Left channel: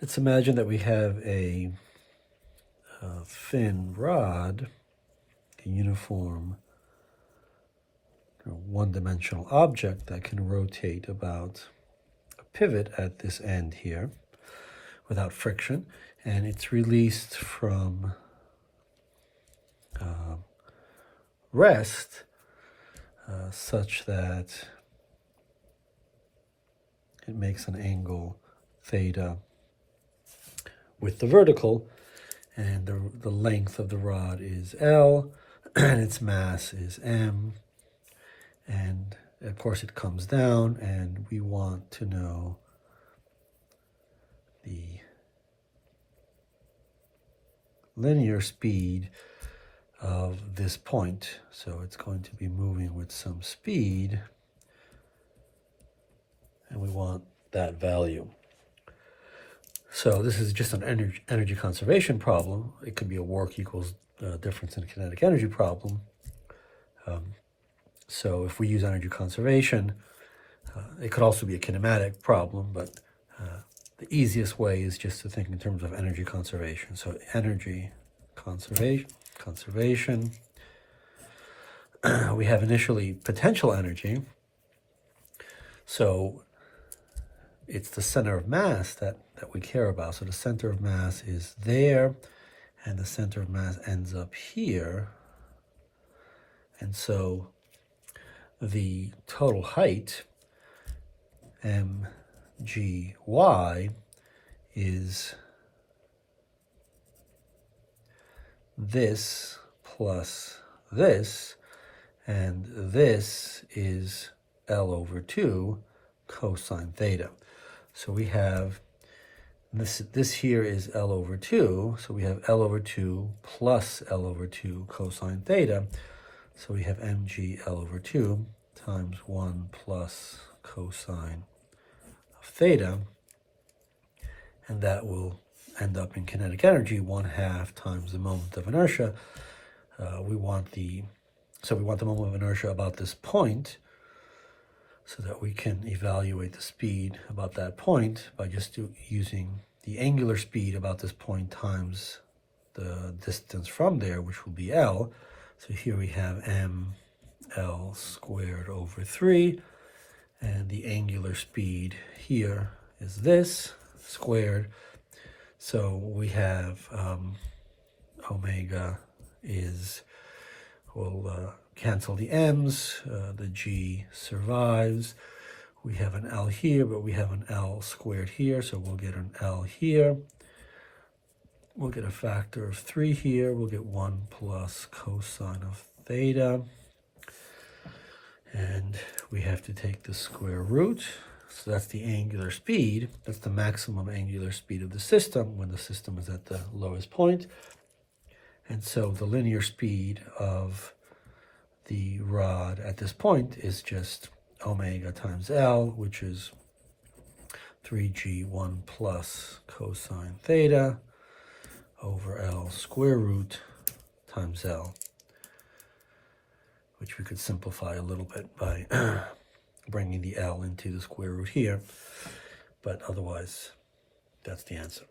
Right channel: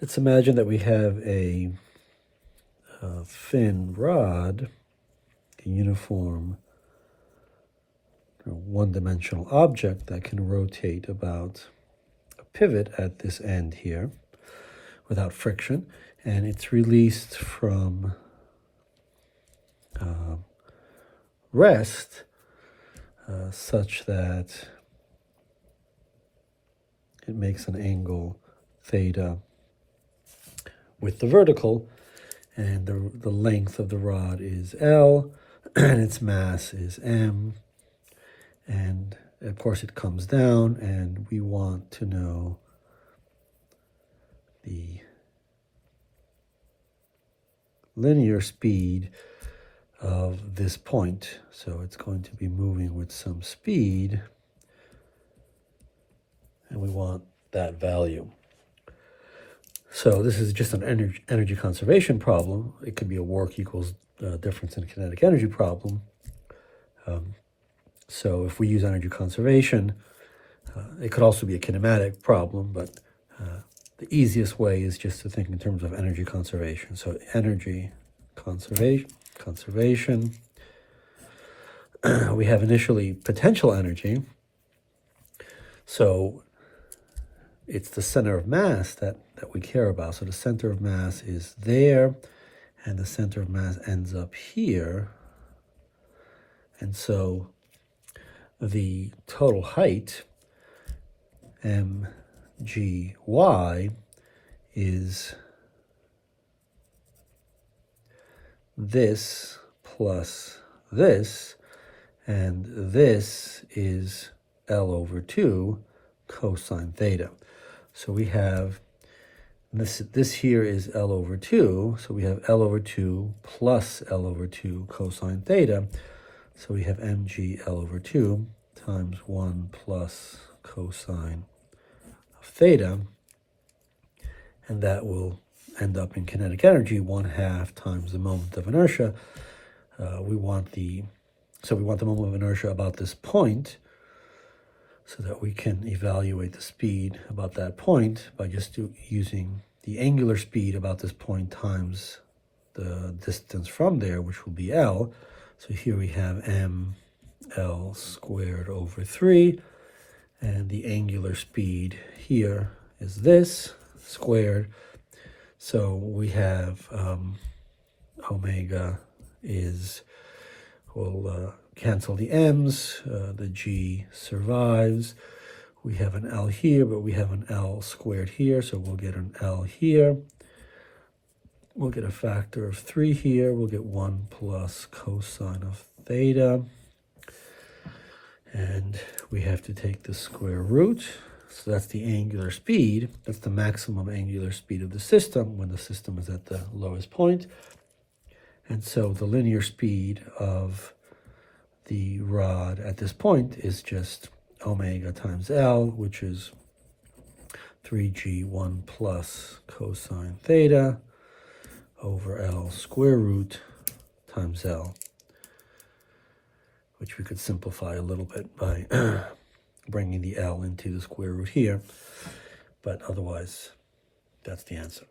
Let's imagine that we have a thin rod, the uniform one-dimensional object that can rotate about a pivot at this end here without friction, and it's released from rest such that it makes an angle theta with the vertical, and the length of the rod is L, and its mass is M, and of course it comes down, and we want to know the linear speed of this point. So it's going to be moving with some speed, and we want that value. So this is just an energy conservation problem. It could be a work equals difference in kinetic energy problem. So if we use energy conservation, it could also be a kinematic problem, but the easiest way is just to think in terms of energy conservation. So energy conservation. We have initially potential energy. So it's the center of mass that we care about. So the center of mass is there, and the center of mass ends up here. And so the total height, mgy, is this plus this, and this is L over 2 cosine theta. So we have, this here is L over 2, so we have L over 2 plus L over 2 cosine theta. So we have mg L over 2 times 1 plus cosine of theta, and that will end up in kinetic energy 1/2 times the moment of inertia. We want the moment of inertia about this point, so that we can evaluate the speed about that point by just using the angular speed about this point times the distance from there, which will be L. So here we have mL squared over 3, and the angular speed here is this squared. So we have omega is, we'll cancel the m's, the g survives. We have an L here, but we have an L squared here, so we'll get an L here. We'll get a factor of 3 here. We'll get 1 plus cosine of theta. And we have to take the square root. So that's the angular speed. That's the maximum angular speed of the system when the system is at the lowest point. And so the linear speed of the rod at this point is just omega times L, which is 3g 1 plus cosine theta over L square root times L, which we could simplify a little bit by bringing the L into the square root here, but otherwise that's the answer.